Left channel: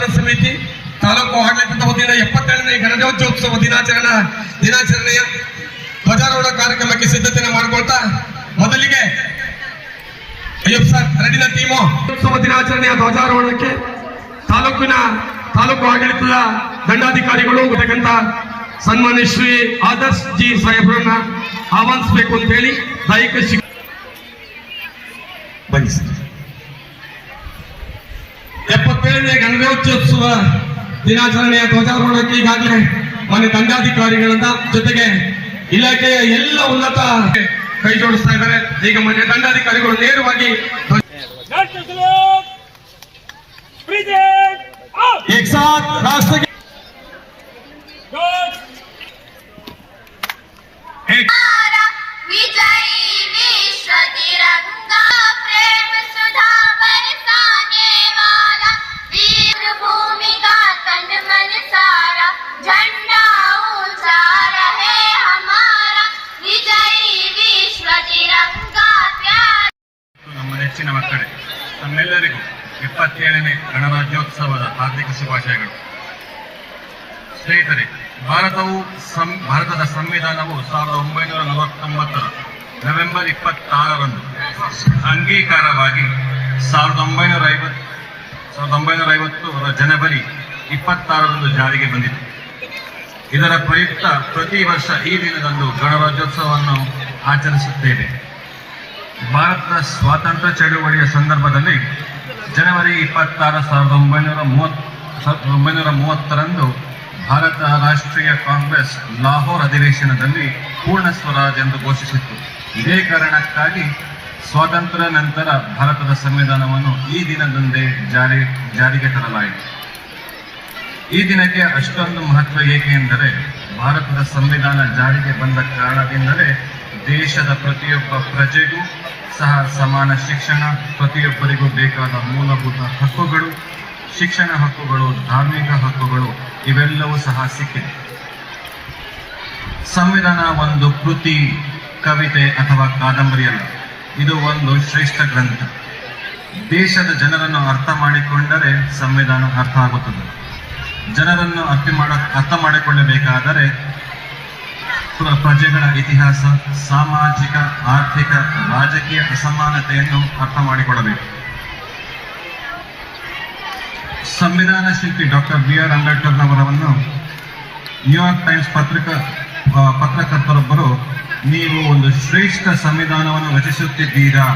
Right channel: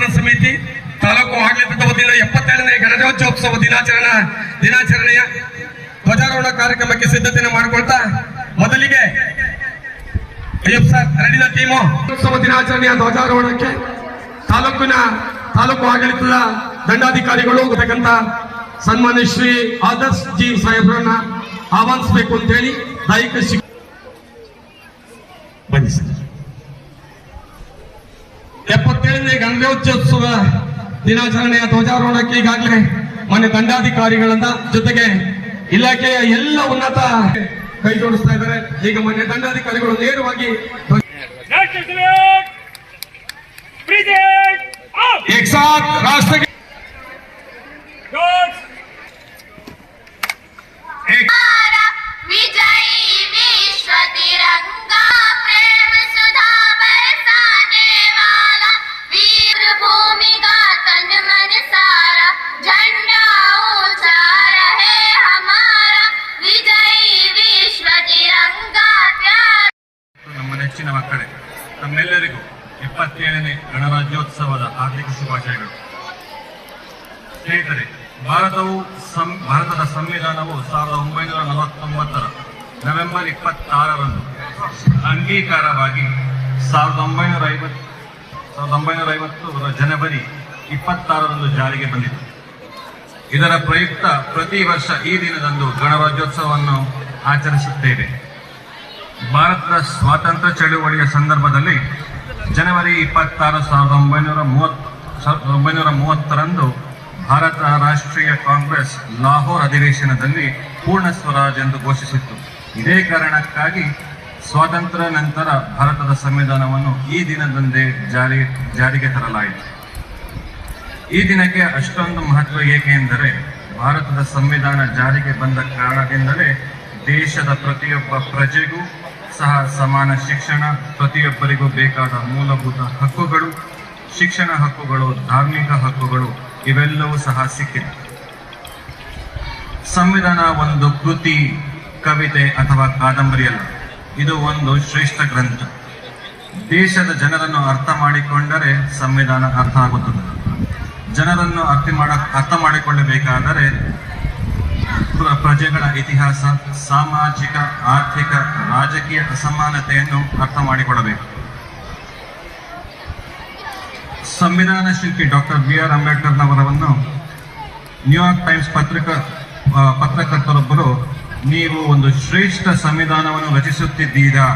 ಸ್ಥಾಪನಾ ಸಮಿತಿ ತಾಲೂಕು ಆಡಳಿತದ ವತಿಯಿಂದ 77ನೇ ಗಣರಾಜ್ಯೋತ್ಸವ ದಿನಾಚರಣೆಯ ಧ್ವಜಾರೋಹಣ ಕಾರ್ಯಕ್ರಮಕ್ಕೆ ಸಿದ್ಧತೆಯನ್ನು ಮಾಡಿಕೊಳ್ತಾ ಮೊದಲಿಗೆ ಅಯ್ಯಪ್ಪ ಸರ್ ರೆಡಿನ ಟೀಮು ಉತ್ಸವ ದಿನಾಚರಣೆಯ ಧ್ವಜಾರೋಹಣಕ್ಕೆ ತಾಲೂಕು ಆಡಳಿತದ ದಂಡಾಧಿಕಾರಿಗಳು ಗೊತ್ತಕ್ಕಂತ ಸನ್ಮಾನ್ಯ ಶ್ರೀ ಆದರ್ಶ್ ಜಿ ಸಾಹೇಬ್ರನ್ನ ಆಹ್ವಾನಿಸಬೇಕು ಅಂತ ಹೇಳಿ ದೈಹಿಕ ಬನ್ನಿ ಸರ್. 77ನೇ ಗಣರಾಜ್ಯೋತ್ಸವ ದಿನಾಚರಣೆಯ ಧ್ವಜಾರೋಹಣಕ್ಕೆ ಈಗಾಗಲೇ ಮಾನ್ಯ ದಂಡಾಧಿಕಾರಿಗಳನ್ನ ಜೊತೆಗೆ ಇಲಾಖೆಯ ಎಲ್ಲ ಉನ್ನತ ಕೈ ಜೋಡಿಸ್ತಾ ಇದ್ದಾರೆ. ಈಗ ಮಾನ್ಯ ದಂಡಾಧಿಕಾರಿಗಳು ನೇರವಾಗಿ एक साथ राष्ट्र ನಮ್ಮ ನೆಚ್ಚಿನ ಮಕ್ಕಳೇ, ನಮ್ಮೆಲ್ಲರಿಗೂ 77ನೇ ಗಣರಾಜ್ಯೋತ್ಸವದ ಹಾರ್ದಿಕ ಶುಭಾಶಯಗಳು. ಸ್ನೇಹಿತರೆ, ಭಾರತದ ಸಂವಿಧಾನವು 1949 ನವೆಂಬರ್ 26ರಂದು ಅಂಗೀಕಾರವಾಗಿ 1950 ಜನವರಿ 26ರಂದು ಜಾರಿಗೆ ಬಂದಿತು. ಇದರ ಪ್ರಯುಕ್ತ ಪ್ರತಿ ವರ್ಷ ಈ ದಿನದಂದು ಗಣರಾಜ್ಯೋತ್ಸವವನ್ನು ಆಚರಿಸುತ್ತೇವೆ. ಭಾರತದ ಸ್ವಾತಂತ್ರ್ಯ ಚಳುವಳಿಯ ಸಂದರ್ಭದಲ್ಲಿ ಜನವರಿ 26, 1930ರಂದು ಭಾರತ ರಾಷ್ಟ್ರೀಯ ಕಾಂಗ್ರೆಸ್ ಲಾಹೋರ್ ಅಧಿವೇಶನದಲ್ಲಿ ಪೂರ್ಣ ಸ್ವರಾಜ್ ಎಂದು ಘೋಷಿಸಿತ್ತು. ಇದೇ ಕಾರಣಕ್ಕಾಗಿ ಸ್ವಾತಂತ್ರ್ಯ ನಂತರ ಭಾರತದ ಸಂವಿಧಾನವನ್ನು ಈ ದಿನದಂದೇ ಜಾರಿಗೆ ತರಲಾಯಿತು. ಈ ದಿನಕ್ಕೆ ಅಷ್ಟೊಂದು ಮಹತ್ವ ಏಕೆ ಎಂದರೆ, ಭಾರತದ ಸಂವಿಧಾನ ಜಾರಿಗೆ ಬಂದ ಕಾರಣದಿಂದಲೇ ದೇಶದ ಪ್ರತಿಯೊಬ್ಬ ಪ್ರಜೆಗೂ ಸಹ ಸಮಾನ ಶಿಕ್ಷಣ, ಪ್ರತಿಯೊಬ್ಬರಿಗೂ ಬೇಕಾದ ಮೂಲಭೂತ ಹಕ್ಕುಗಳು, ಶಿಕ್ಷಣ ಹಕ್ಕುಗಳು, ಧಾರ್ಮಿಕ ಹಕ್ಕುಗಳು ಇವೆಲ್ಲವೂ ಸಹ ಸಿಕ್ಕಿದೆ. ಸಂವಿಧಾನ ಒಂದು ಕೃತಿ, ಕವಿತೆ ಅಥವಾ ಕಾದಂಬರಿಯಲ್ಲ, ಇದು ಒಂದು ಶ್ರೇಷ್ಠ ಗ್ರಂಥ. ದೇಶದ ಜನರನ್ನು ಅರ್ಥ ಮಾಡಿಕೊಂಡರೆ ಸಂವಿಧಾನ ಅರ್ಥ ಆಗುತ್ತದೆ. ಜನರನ್ನು ಅರ್ಥ ಮಾಡಿಕೊಳ್ಳಬೇಕಾದರೆ ಪ್ರಜೆಗಳ ಇತಿಹಾಸ, ಸಾಮಾಜಿಕ, ಆರ್ಥಿಕ, ರಾಜಕೀಯ ಅಸಮಾನತೆಯನ್ನು ಅರ್ಥ ಮಾಡಿಕೊಳ್ಳಬೇಕು. ಸಂವಿಧಾನ ಶಿಲ್ಪಿ ಡಾಕ್ಟರ್ BR ಅಂಬೇಡ್ಕರ್ನವರನ್ನು ನ್ಯೂಯಾರ್ಕ್ ಟೈಮ್ಸ್ ಪತ್ರಕರ್ತರೊಬ್ಬರು, ನೀವು ಒಂದು ಶ್ರೇಷ್ಠ ಸಂವಿಧಾನವನ್ನು ರಚಿಸುತ್ತಿದ್ದೀರಾ